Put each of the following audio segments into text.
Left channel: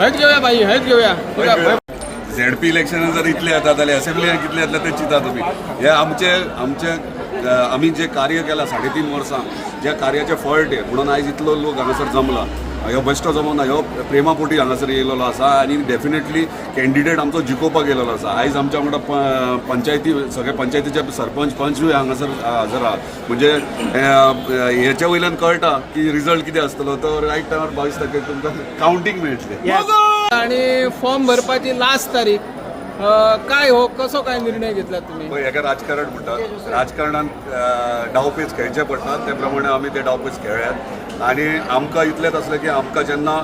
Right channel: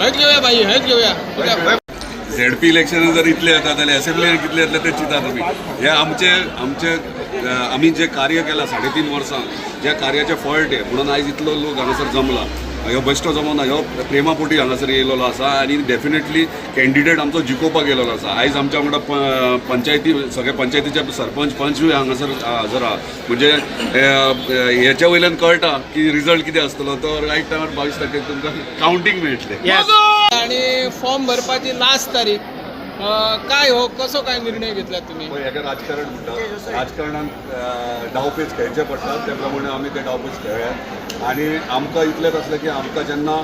हळद घेऊया बाई, हळद घेऊया. झेडपी इलेक्शन जर इतले येतात जाल्यार असेंब्लीन कितले येतले ते चिंता तुमी. हे आमचे आमी जे कार्य केलां 3.5 वर्सां, ज्या कार्याचे फळ ते म्हणून आयज इतलो लोक हांगासर जमला. ह्यो बेश्टो जमोना, ह्यो प्रेमापोटी हांगासर येयलेलो आसा आनी डेफिनेटली कॅन्डिडेट आमचो जिखोवपाक येयलेलो आसा. आयज आमच्या वांगडा पंचायती सगळे पंचायतीचे सरपंच पंचूय हांगासर हजर आहात. म्हणजे हेच्या वयल्यान कळटा की रिजल्ट कितें आसतलो. तो रायट टायमार 22 तारखेक तुमकां कावंटींग मेळटलें. आणि फॉर्म भरपाची लास्ट तारीख काय हो, कसो काय निर्णय घेतला तुम्ही? पळय, हेका राजकारण म्हणटात. राजकारणान डावपेच खेळचे पडटात, ते प्रमाणे आमी ते डावपेच खेळ्यात. आनी आमकां इतलेंच आसलें की आमकां जेन्ना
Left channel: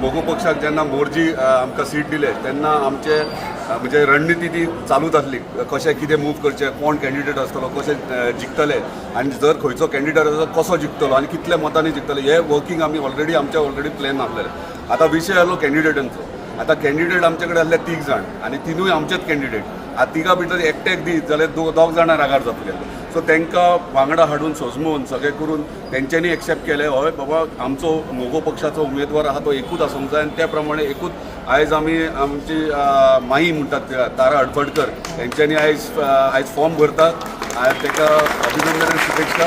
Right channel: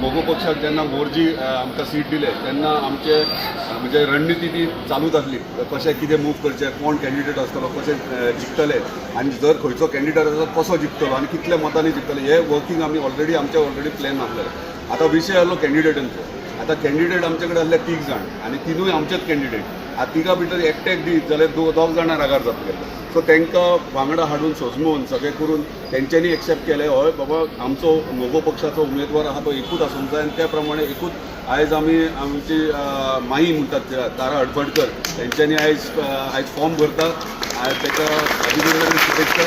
मोगो पक्षाक जेन्ना मोर्जी आमकां सीट दिले तेन्ना आमचे म्हणजे रणनिती ती चालूच आसली. कशें कितें मूव करचें, कोण कॅन्डिडेट आसतलो, कशें जिखतले आनी जर खंयचो कॅन्डिडेट आसा कसो जिखतलो आनी कितल्या मतांनी जिखतले, हे वर्कींग आमी ऑलरेडी प्लॅन आसलें. आतां विशय आसलो कॅन्डिडेटांचो. आतां कॅन्डिडेट आमचे कडेन आसले 3 जाण आनी तिनूय आमचेच कॅन्डिडेट. आतां तिगा भितर एकट्याक दी जाल्यार 2 जाणां रागार जातले. सो तांकां वांगडा हाडून सजमून सगळें करून तेंच्यांनी एक्सेप्ट केलें, हय बाबा आमचो मोगो पक्षाचो उमेदवार आहा तो एकूच आसूंक जाय. आनी त्या प्रमाणे एकूच आयज आमी आमची माई म्हणटात तारा हडफडकर तेंच्यांनी आयज फॉर्म भरतात. ताका अभिनंदन शुभेच्छा.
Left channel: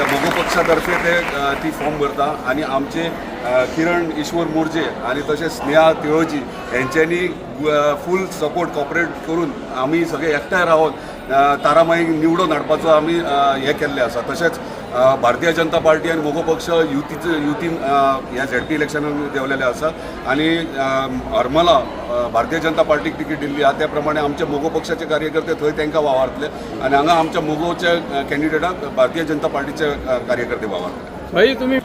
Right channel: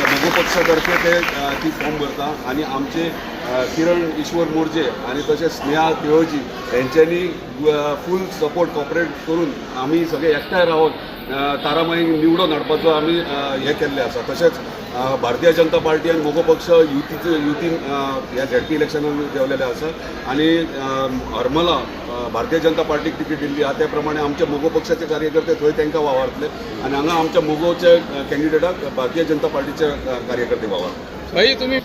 मोगो पक्षातर्फे ती फॉर्म भरता आनी आमचे किरण ईश्वर मोर्जे आनी तशेंच स्नेहा तिळोजी यांच्यांनी फूल सपोर्ट कॉपरेट करून आमी सगळे एकठांय रावन तारामाई निवडून हाडपाचो आमी हें केल्लें आसा. तशेंच भारतीय जनता पार्टी आनी मोगो पक्ष युतीन ह्या झेडपी इलेक्शनाक देंवलेले आसा आनी हरमला भारतीय जनता पार्टीक तिकीट दिल्ली आहा. त्या प्रमाणे आमचे मोगो पक्षाचे कार्यकर्ते थंय तांकां वावरतले आनी हांगा आमच्या मोगोचे कॅन्डिडेटाक भारतीय जनता पार्टीचे कार्यकर्ते वावरतले. भाई तुम्ही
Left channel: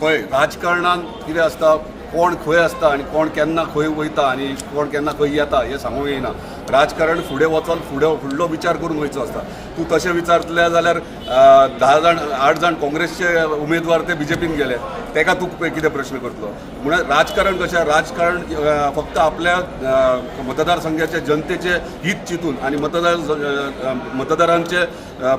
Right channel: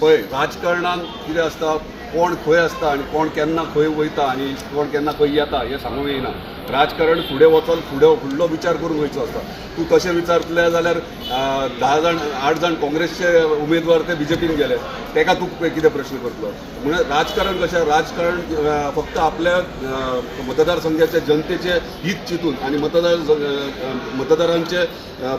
पळय, राजकारणान कितें आसता, कोण खंय आसता आनी कोण केन्ना खंय वयता आनी कोण केन्ना खंय येता हें सांगूंक येयना. राजकारण फुडें वचून फुडलो विचार करून वयचो आसता. तूं तशें विचारतले जाल्यार 8 जाण काँग्रेसचे उमेदवार ते BJPन गेले, ताका तूं कितें प्रश्न करतलो. म्हणून राजकारण कशें, राजकारण फक्त आपल्या मतदारसंघाच्या जनतेचे हित चिंतून आनी मतदारांचे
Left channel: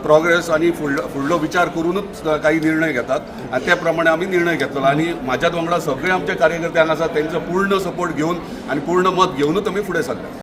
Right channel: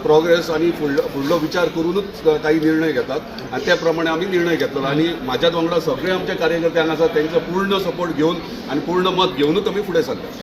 प्रोग्रेस आनी फुडलो विचार करूनच काही निर्णय घेतात आनी त्या प्रमाणे आमी निर्णय घेतलो. आनी म्हाज्याच वांगडा सगळे आमचे कार्यकर्ते हांगा आसात, तांचो पूर्ण सपोर्ट घेवन आनी पूर्ण मत घेवनूच आमी फुडें सरले.